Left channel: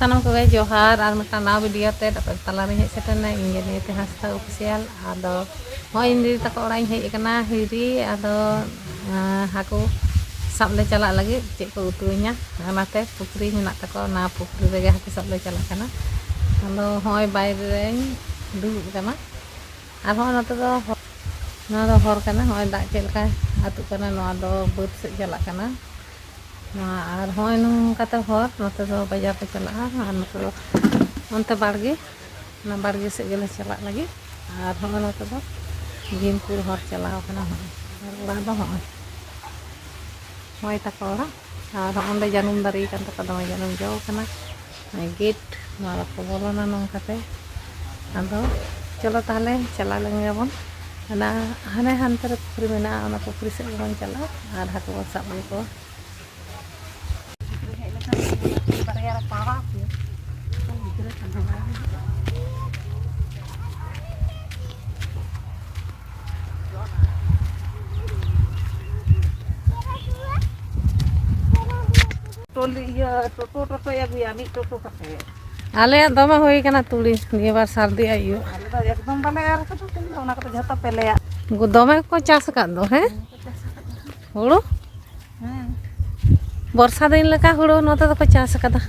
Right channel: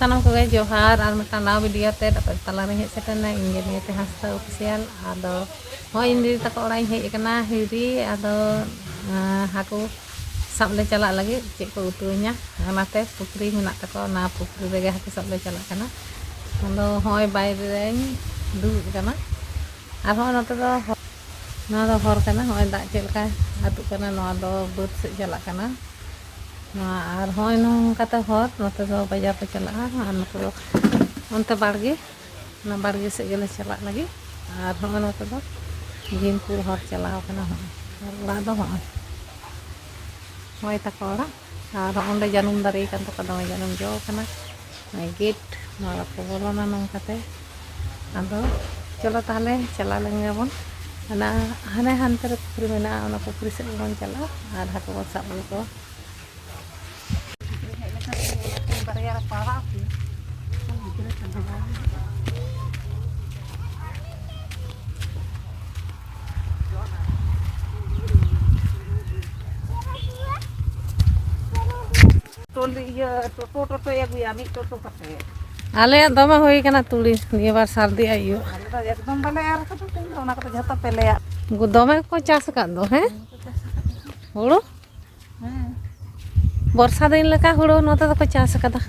sanam koge johar ar mita naw video te dapat talari hej katena ingin yete hasta official ado ho indi tako orang hej kana hiri ado haku sab le chalak lagi cek ko utunya anate pukri menak tako na pukri rege haku sab le chalak kana ado hoi bayre reñ duduk kana ar ho note do no do hor kana hoi dak cek leka atuk kana no ado beut se chalak kana nah, ar hoi nung kata hor note do bajar pe chalak ar note do onte barge na barge se gele chalak lagi ar hoi note do ginpur hor chalak kana hoi do hoi takola ar onde janum dari kan tako dome janum jo kana gate nora ko bolona nong kate ado chalo tahle chala lenge bon ana hane hantere pukri mena ona pukri se bon chala ar haku bon sab ko toto ya bu ya mi toto kate ale dome hoi kana tuli niye bar sardi ayu ale da ekdom bale ar ko to ona ko jhota pele ya dome ko chas akad do he huru borsa din leka huru note do ko chas akada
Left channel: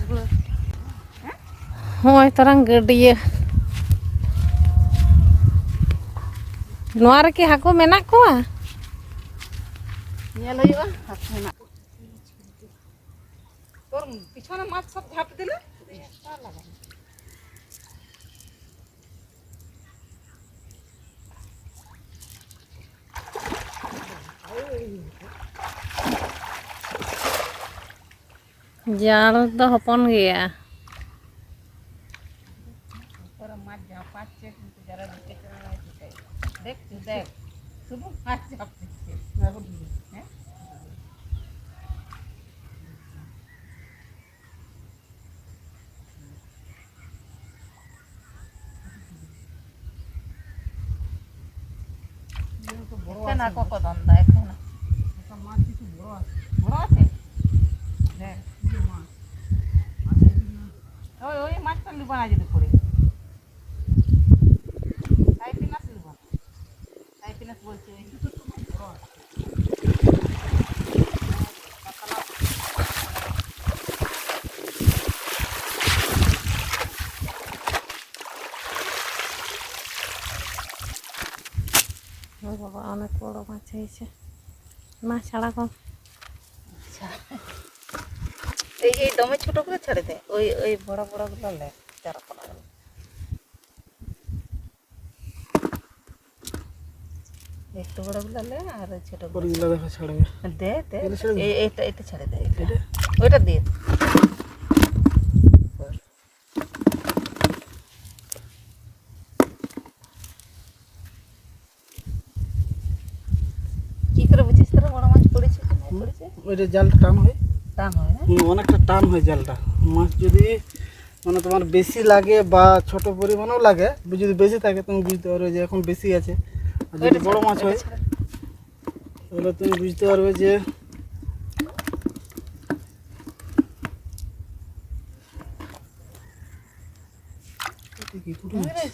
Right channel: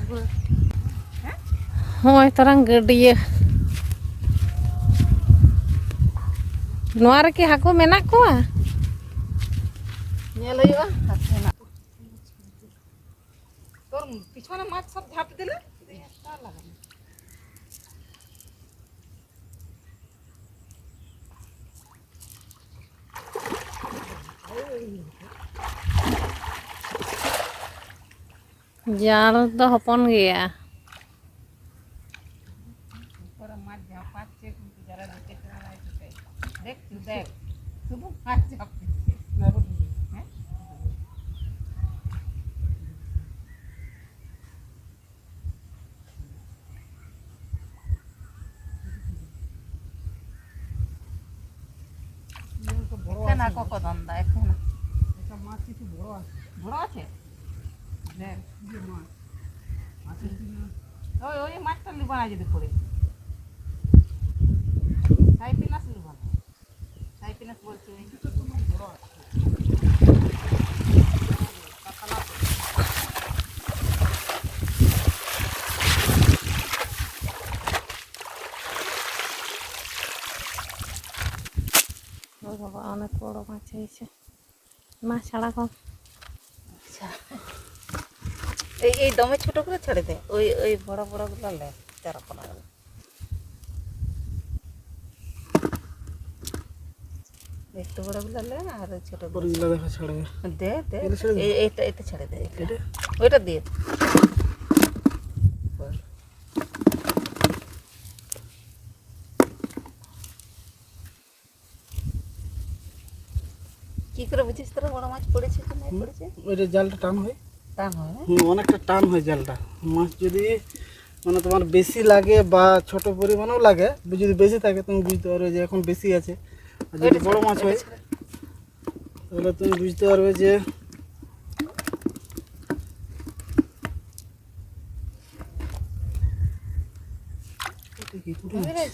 hoi torang gadiya noar ki haku menak koa nyel huyuga তোর পিছনে মাছ সব ঝাঁপ দিলে jal do hopon gea তোর মাছ ঝাঁপাচ্ছে কিন্তু যারা দিতে দেখ দেখ শুধু মাছ ঝাঁপছে হ্যাঁ না কত দন্দা এখন এটা মাছ কিছু বড় আছে বড় আছে দেখ কি মাছ আছে না ওই মাছটা নিবা না যদি পড়ে সাইপিনাস নিবা না সাইপিনাস বলছে এটা তো মাছ বড় আছে ও বাবা অনেক বড় মাছ হয়েছে মাছ ছাড়া কম এই দমে ছোট করে ছেড়ে দে ওই ওই বড় বড় গুলো লে চারা পড়া গেল একটু বড় গুলো লে আর ছোট গুলো দেখা ছাড়বে দে দে এইটা এটা ছেড়ে দে ওইটা দিয়ে কি করে বুঝিস তোরা বড় মাছ পড়েছে কি না পড়েছে ওইটা জালটা টান হয় টান হয় অনেকটা টান হয় জালটা মাছ যদি মানে তোমার বেশি লাগে বা ছোট পরিমাণেও লাগে যদি বেশি থাকে তুমি বুঝতে পারবে যে এখন বেশি আছে আর যদি বড় মাছ হয় তাহলে তুমি বুঝতে পারবে যে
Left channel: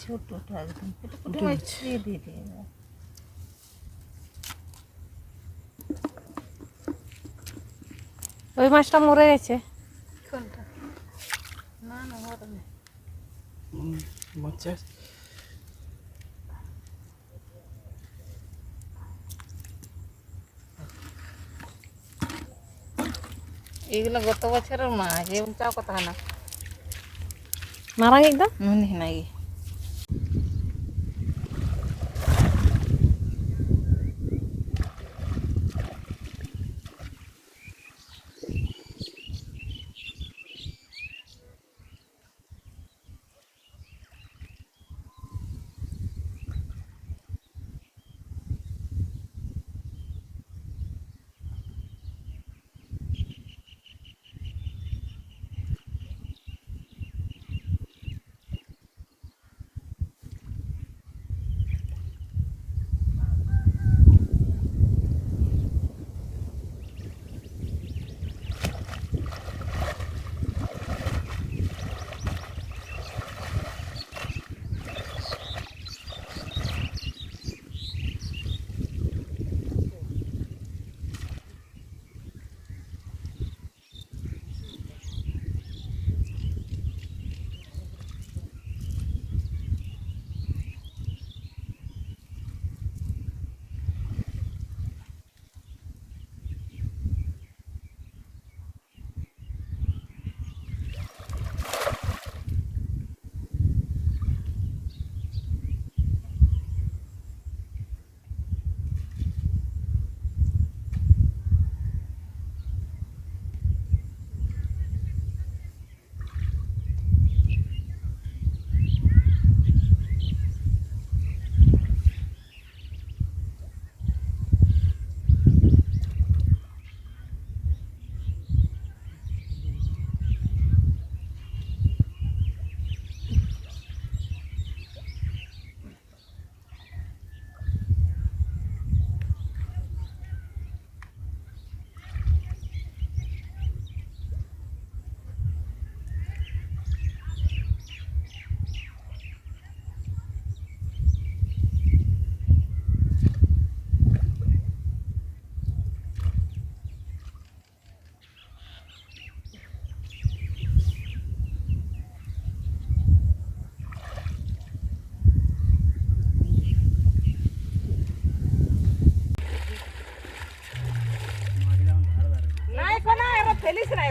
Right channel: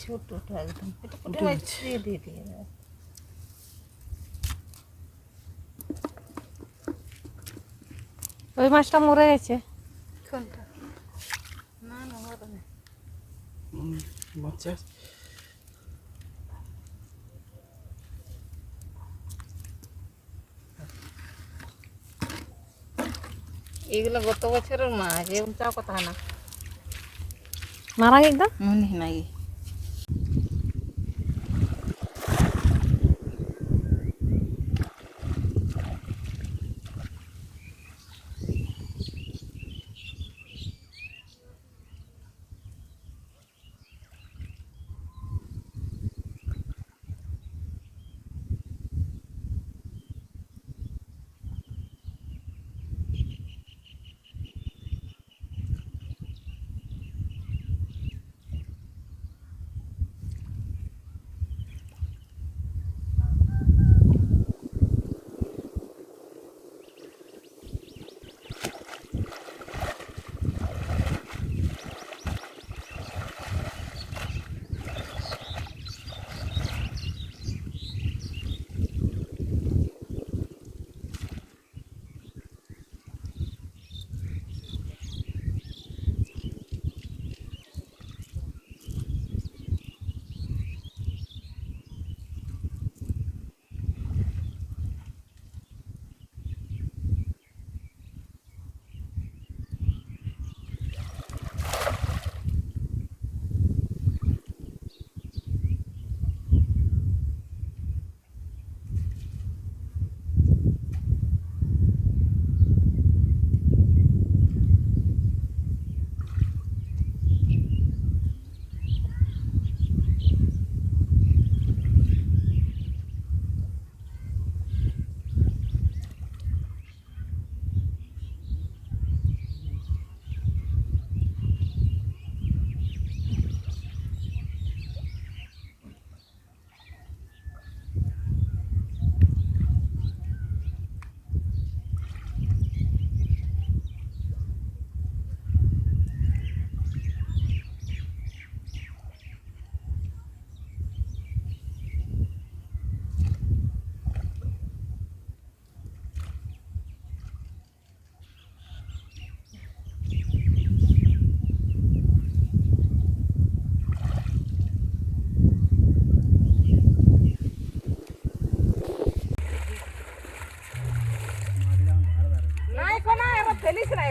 ছোট একদম দিয়ে দিয়ে দিয়ে ওই মাছটা মরে গেছে কোনটা না না মরে না বাচ্চা এগুলো গত বছরের মাছ এরকম চাও কথা না marang itu মনে নাই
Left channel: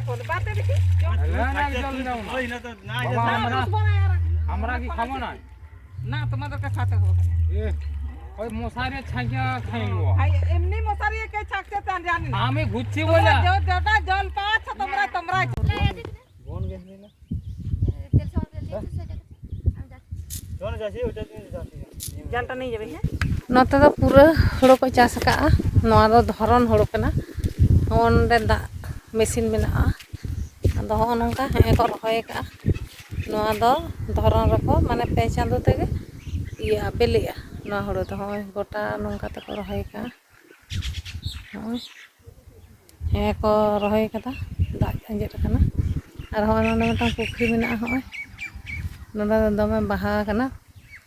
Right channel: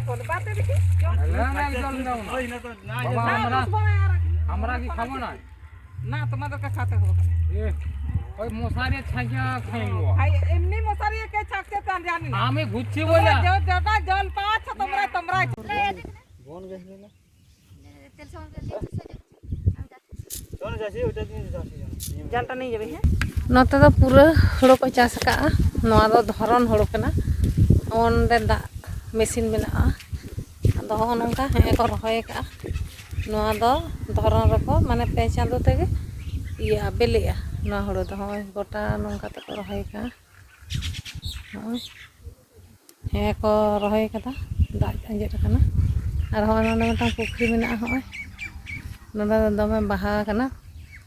এখন বাতে দেখি আমরা কি খাবো না না তোমাদেরকে খেতে হবে ওই মশারি ছাইয়া খাইবো ভাই এমনি মশারি কে ছাকছে তা জানি না আমি ঘুরছি বলে যেটা জল পাচ্ছ তোমরা বোন গেছিলি না কোন যাচ্ছি ওটা দিন যাচ্ছি জলটা নিয়ে যাবে হ্যাঁ ᱱᱚᱛᱮ ᱫᱚ ᱯᱩᱨᱟᱹ ᱦᱳᱲᱳ ᱠᱚ ᱪᱟᱥ ᱟᱠᱟᱜᱼᱟ ᱱᱚᱣᱟ ᱫᱚ ᱫᱷᱚᱨᱚᱱ ᱦᱳᱲᱳ ᱠᱟᱱᱟ ᱚᱸᱰᱮ ᱫᱟᱜ ᱢᱮᱥᱤᱱ ᱢᱮᱱᱟᱜᱼᱟ ᱟᱫᱚ ᱦᱚᱸᱜᱼᱚ ᱱᱚᱝᱠᱟ ᱦᱮᱸ ᱠᱚ ᱨᱚᱦᱚᱭ ᱟᱠᱟᱜᱼᱟ ᱱᱚᱣᱟ ᱫᱚ ᱫᱷᱚᱨᱚᱱ ᱨᱮᱠᱚ ᱢᱟᱱᱮ 5 ᱪᱟᱸᱫᱳ ᱛᱮᱜᱮ ᱤᱭᱟᱹᱜᱼᱟ ᱵᱤᱞᱤᱜᱼᱟ ᱱᱚᱣᱟ ᱦᱳᱲᱳ ᱫᱚ ᱦᱚᱸᱜᱼᱚᱭ ᱜᱚᱴᱟ ᱱᱚᱝᱠᱟ ᱛᱮᱠᱚ ᱨᱚᱦᱚᱭ ᱟᱠᱟᱜᱼᱟ ᱦᱚᱸᱜᱼᱚᱭ ᱦᱮᱸ ᱠᱚ ᱨᱚᱦᱚᱭ ᱟᱠᱟᱫᱟ ᱫᱟᱜ ᱟᱸᱡᱮᱫ ᱟᱠᱟᱱᱟ ᱟᱨ ᱦᱚᱸᱜᱼᱚᱭ ᱱᱚᱰᱮ ᱢᱤᱫᱴᱟᱝ ᱯᱩᱠᱷᱨᱤ ᱢᱮᱱᱟᱜᱼᱟ ᱦᱚᱸᱜᱼᱚᱭ ᱱᱚᱰᱮ ᱫᱚ ᱫᱚᱢᱮ ᱵᱟᱦᱟ ᱟᱠᱟᱱᱟ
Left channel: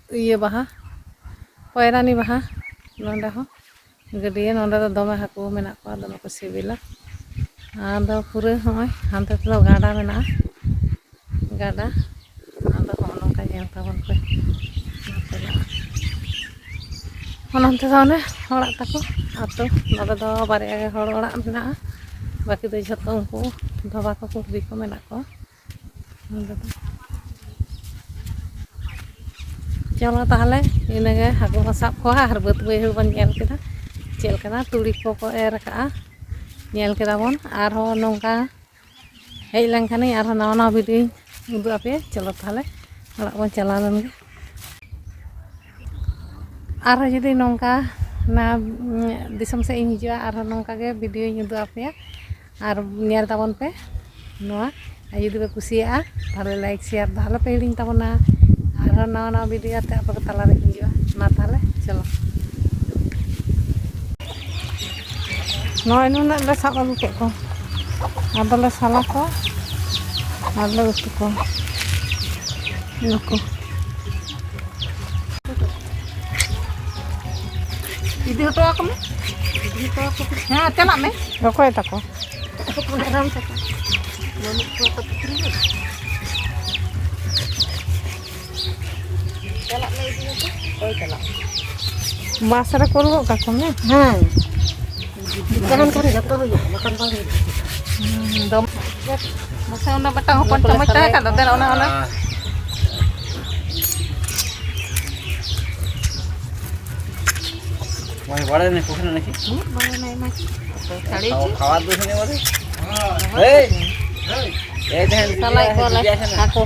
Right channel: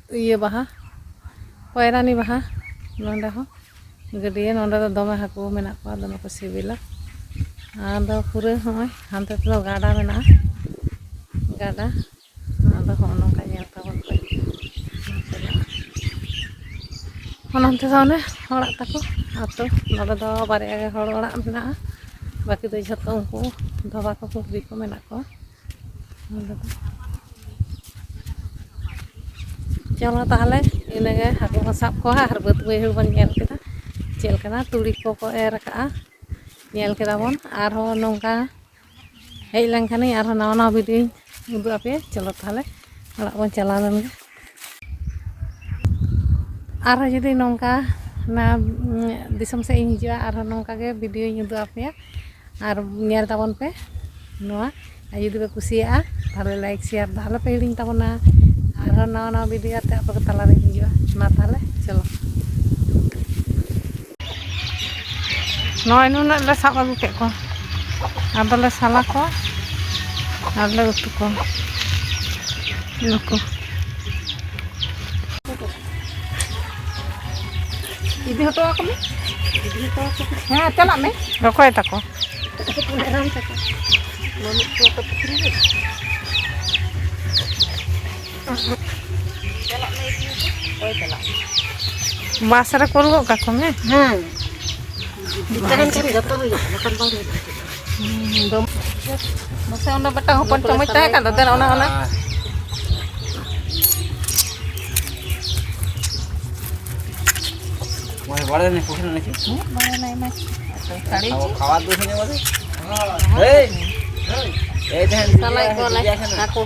ᱤᱭᱟᱹ ᱵᱟᱦᱟ ᱯᱚᱭᱨᱟᱱᱤ ᱵᱟᱦᱟ ᱱᱚᱰᱮ ᱦᱚᱸ ᱜᱟᱹᱰᱭᱟᱹ ᱱᱚᱰᱮ ᱫᱚ ᱫᱚᱢᱮ ᱦᱟᱹᱠᱩ ᱢᱮᱱᱟᱜ ᱠᱚᱣᱟ ᱫᱚᱢᱮ ᱠᱚ ᱥᱤᱵᱤᱞᱟ ᱟᱫᱚ ᱯᱩᱨᱟᱹ ᱦᱚᱸᱜᱼᱚᱭ ᱦᱟᱱᱛᱮ ᱛᱮᱫᱚ ᱜᱟᱰᱟ ᱢᱮᱱᱟᱜᱼᱟ ᱜᱟᱰᱟ ᱟᱫᱚ ᱦᱚᱸᱜᱼᱚ ᱱᱚᱝᱠᱟ ᱧᱮᱞ ᱛᱟᱵᱚᱱ ᱯᱮ ᱚᱱᱛᱮ ᱫᱚ ᱚᱱᱮ ᱚᱲᱟᱜ ᱛᱟᱠᱚ ᱟᱛᱳ ᱱᱚᱰᱮ ᱫᱚ ᱵᱟᱨᱭᱟ ᱜᱮ ᱦᱚᱲ ᱚᱲᱟᱜ ᱢᱮᱱᱟᱜᱼᱟ ᱵᱟᱹᱠᱤ ᱫᱚ ᱡᱷᱚᱛᱚ ᱩᱱᱠᱩ ᱫᱷᱚᱵᱟ ᱠᱚ ᱠᱩᱲᱵᱤ ᱠᱚ ᱢᱮᱱᱟᱜ ᱠᱚᱣᱟ ᱱᱚᱰᱮ ᱫᱚ ᱪᱚᱞᱚ ᱛᱟᱦᱚᱞᱮ ᱤᱱᱟᱹᱜᱮ ᱦᱟᱹᱠᱩ ᱵᱚᱱ ᱥᱟᱵ ᱠᱚᱣᱟ ᱟᱨ ᱵᱟᱹᱫᱽ ᱵᱟᱹᱭᱦᱟᱹᱲ ᱵᱚᱱ ᱧᱮᱞ ᱠᱮᱫᱟ ᱪᱮᱫ ᱞᱮᱠᱟᱱᱟ ᱛᱩᱲᱤ ᱠᱚᱠᱚ ᱮᱨ ᱟᱠᱟᱜᱼᱟ ᱧᱮᱞ ᱠᱮᱫᱟ ᱵᱚᱱ ᱟᱨᱦᱚᱸ ᱱᱚᱝᱠᱟ ᱦᱮᱡ ᱞᱮᱱᱠᱷᱟᱱᱤᱧ ᱟᱨᱦᱚᱸ ᱱᱟᱣᱟ ᱱᱟᱣᱟ ᱵᱷᱤᱰᱤᱭᱳᱧ ᱩᱫᱩᱜ ᱟᱯᱮᱭᱟ ᱪᱚᱞᱚ ᱛᱟᱦᱚᱞᱮ ᱚᱲᱟᱜ ᱵᱚᱱ ᱪᱟᱞᱟᱣ ᱞᱮᱱᱜᱮ ᱟᱨᱦᱚᱸ ᱡᱩᱫᱤ ᱱᱚᱝᱠᱟ ᱚᱱᱟ ᱫᱤᱥᱚᱢ ᱥᱮᱫ ᱤᱧ ᱦᱤᱡᱩᱜᱼᱟ ᱟᱨᱦᱚᱸ ᱱᱚᱝᱠᱟ ᱜᱮ ᱵᱷᱤᱰᱤᱭᱳᱧ ᱩᱫᱩᱜ ᱟᱯᱮᱭᱟ ᱟᱨ ᱧᱮᱞ ᱛᱟᱵᱚᱱ ᱯᱮ ᱱᱚᱣᱟ ᱟᱨ ᱡᱩᱫᱤ ᱯᱮ ᱠᱩᱥᱤᱭᱟᱜᱼᱟ ᱛᱟᱦᱚᱞᱮ ᱞᱟᱭᱤᱠ ᱥᱮᱭᱟᱨ ᱫᱚ ᱟᱞᱚ ᱯᱮ ᱦᱤᱲᱤᱧ ᱛᱟᱵᱚᱱᱟ ᱟᱨᱦᱚᱸ ᱱᱟᱣᱟ ᱱᱟᱣᱟ ᱵᱷᱤᱰᱤᱭᱳ ᱟᱛᱮ ᱟᱯᱮ ᱠᱚ ᱛᱟᱞᱟᱨᱤᱧ ᱦᱤᱡᱩᱜᱼᱟ ᱢᱟ ᱛᱟᱦᱚᱞᱮ ᱪᱚᱞᱚ ᱱᱚᱜᱼᱚᱭ ᱱᱩᱱᱟᱹᱜ ᱞᱮ ᱥᱟᱵ ᱟᱹᱜᱩ ᱠᱮᱫ ᱠᱚᱣᱟ ᱟᱫᱚᱞᱮ ᱥᱟᱞᱟ ᱠᱚᱣᱟ ᱟᱨᱞᱮ ᱩᱛᱩ ᱠᱚᱣᱟ ᱱᱩᱠᱩ ᱤᱫᱤ ᱦᱚᱴᱚ ᱟᱠᱚᱢᱮ ᱦᱮᱸ ᱪᱟᱞᱟᱜ ᱢᱮ ᱚᱠᱚᱭ ᱛᱟᱠᱚ ᱵᱟᱥ ᱨᱮ ᱠᱳᱞ ᱜᱚᱫ ᱠᱟᱠᱚ ᱢᱮ ᱦᱮᱸ ᱛᱟᱦᱮᱱ ᱠᱷᱟᱱ ᱡᱚᱛᱚ ᱦᱩᱭᱩᱜᱼᱟ ᱵᱟᱠᱷᱟᱱ ᱵᱟᱝ ᱦᱩᱭᱩᱜᱼᱟ ᱢᱟᱥᱟ ᱚᱱᱟ ᱵᱟᱴᱟ ᱦᱚᱯᱚᱱ ᱪᱟᱢᱚᱪ ᱛᱟᱦᱮᱸ ᱠᱟᱱ ᱫᱚ ᱫᱮᱱ ᱚᱱᱟ মানে বড় না কোখানে নাকি বড় নাই না ছাড়ি খাওয়ার দোষ নেই বলে এই এই দেখেন সালাই কোলা কাকো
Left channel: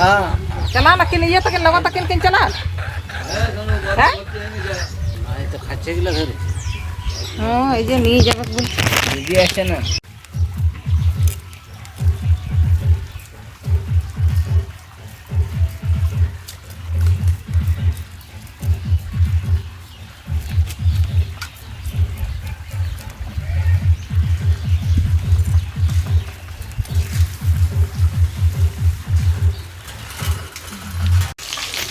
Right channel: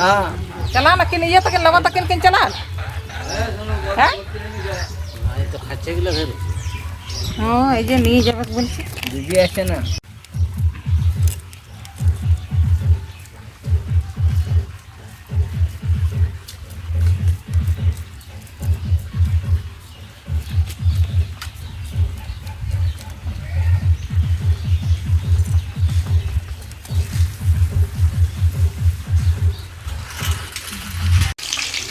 হ্যাঁ चला ना किन ये तक लगा तक किन चला हां আরে তো খাচ্ছে গুলো ধরে हां এই যে নিয়ে যাবে বল দিদি আসছে না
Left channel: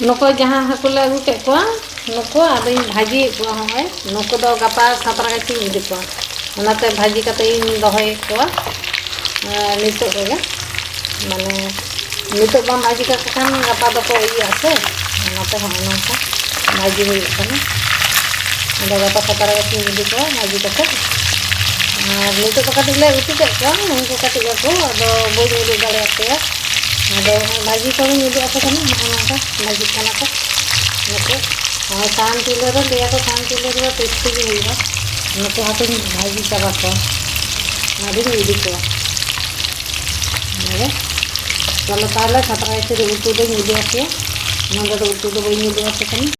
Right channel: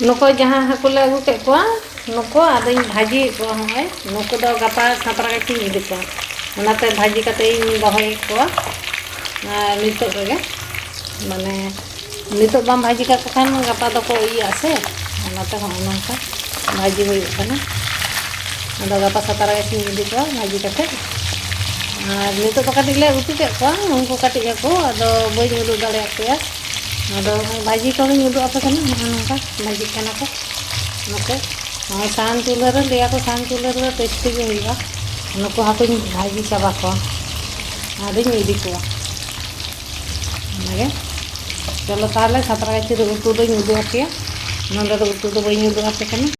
नुको जहाँ हाकु ले अगू केद कोआ नुको आदोኝ भाजी कोआ होय नुको दो गापा सातरा के इदि कोआ ओनाते भाजी कते इन दहोय कोआ नितो रेगे माने नितो बाम भाजी का खान गापा दो को इ आसे ओनाते हम नंका भाजी होय कना ओदा गापा सातरा के इदि कोआ भाजी कते नितो तो कति ले उतु के कोआ उनको कति को दो बोई उदु दाड़े आते ada भाजी को उदु apa kan नंका भाजी खाना को नुको सान चूल्हे रे लिया को सान चूल्हे रे टेस्टी गे हुआ नुको हाथ भाजी चाबा को आदि इदी को माने चलो ताले खतरा के उतु दो उदु आके नंदा दो उतु दो बई उदु आते कनी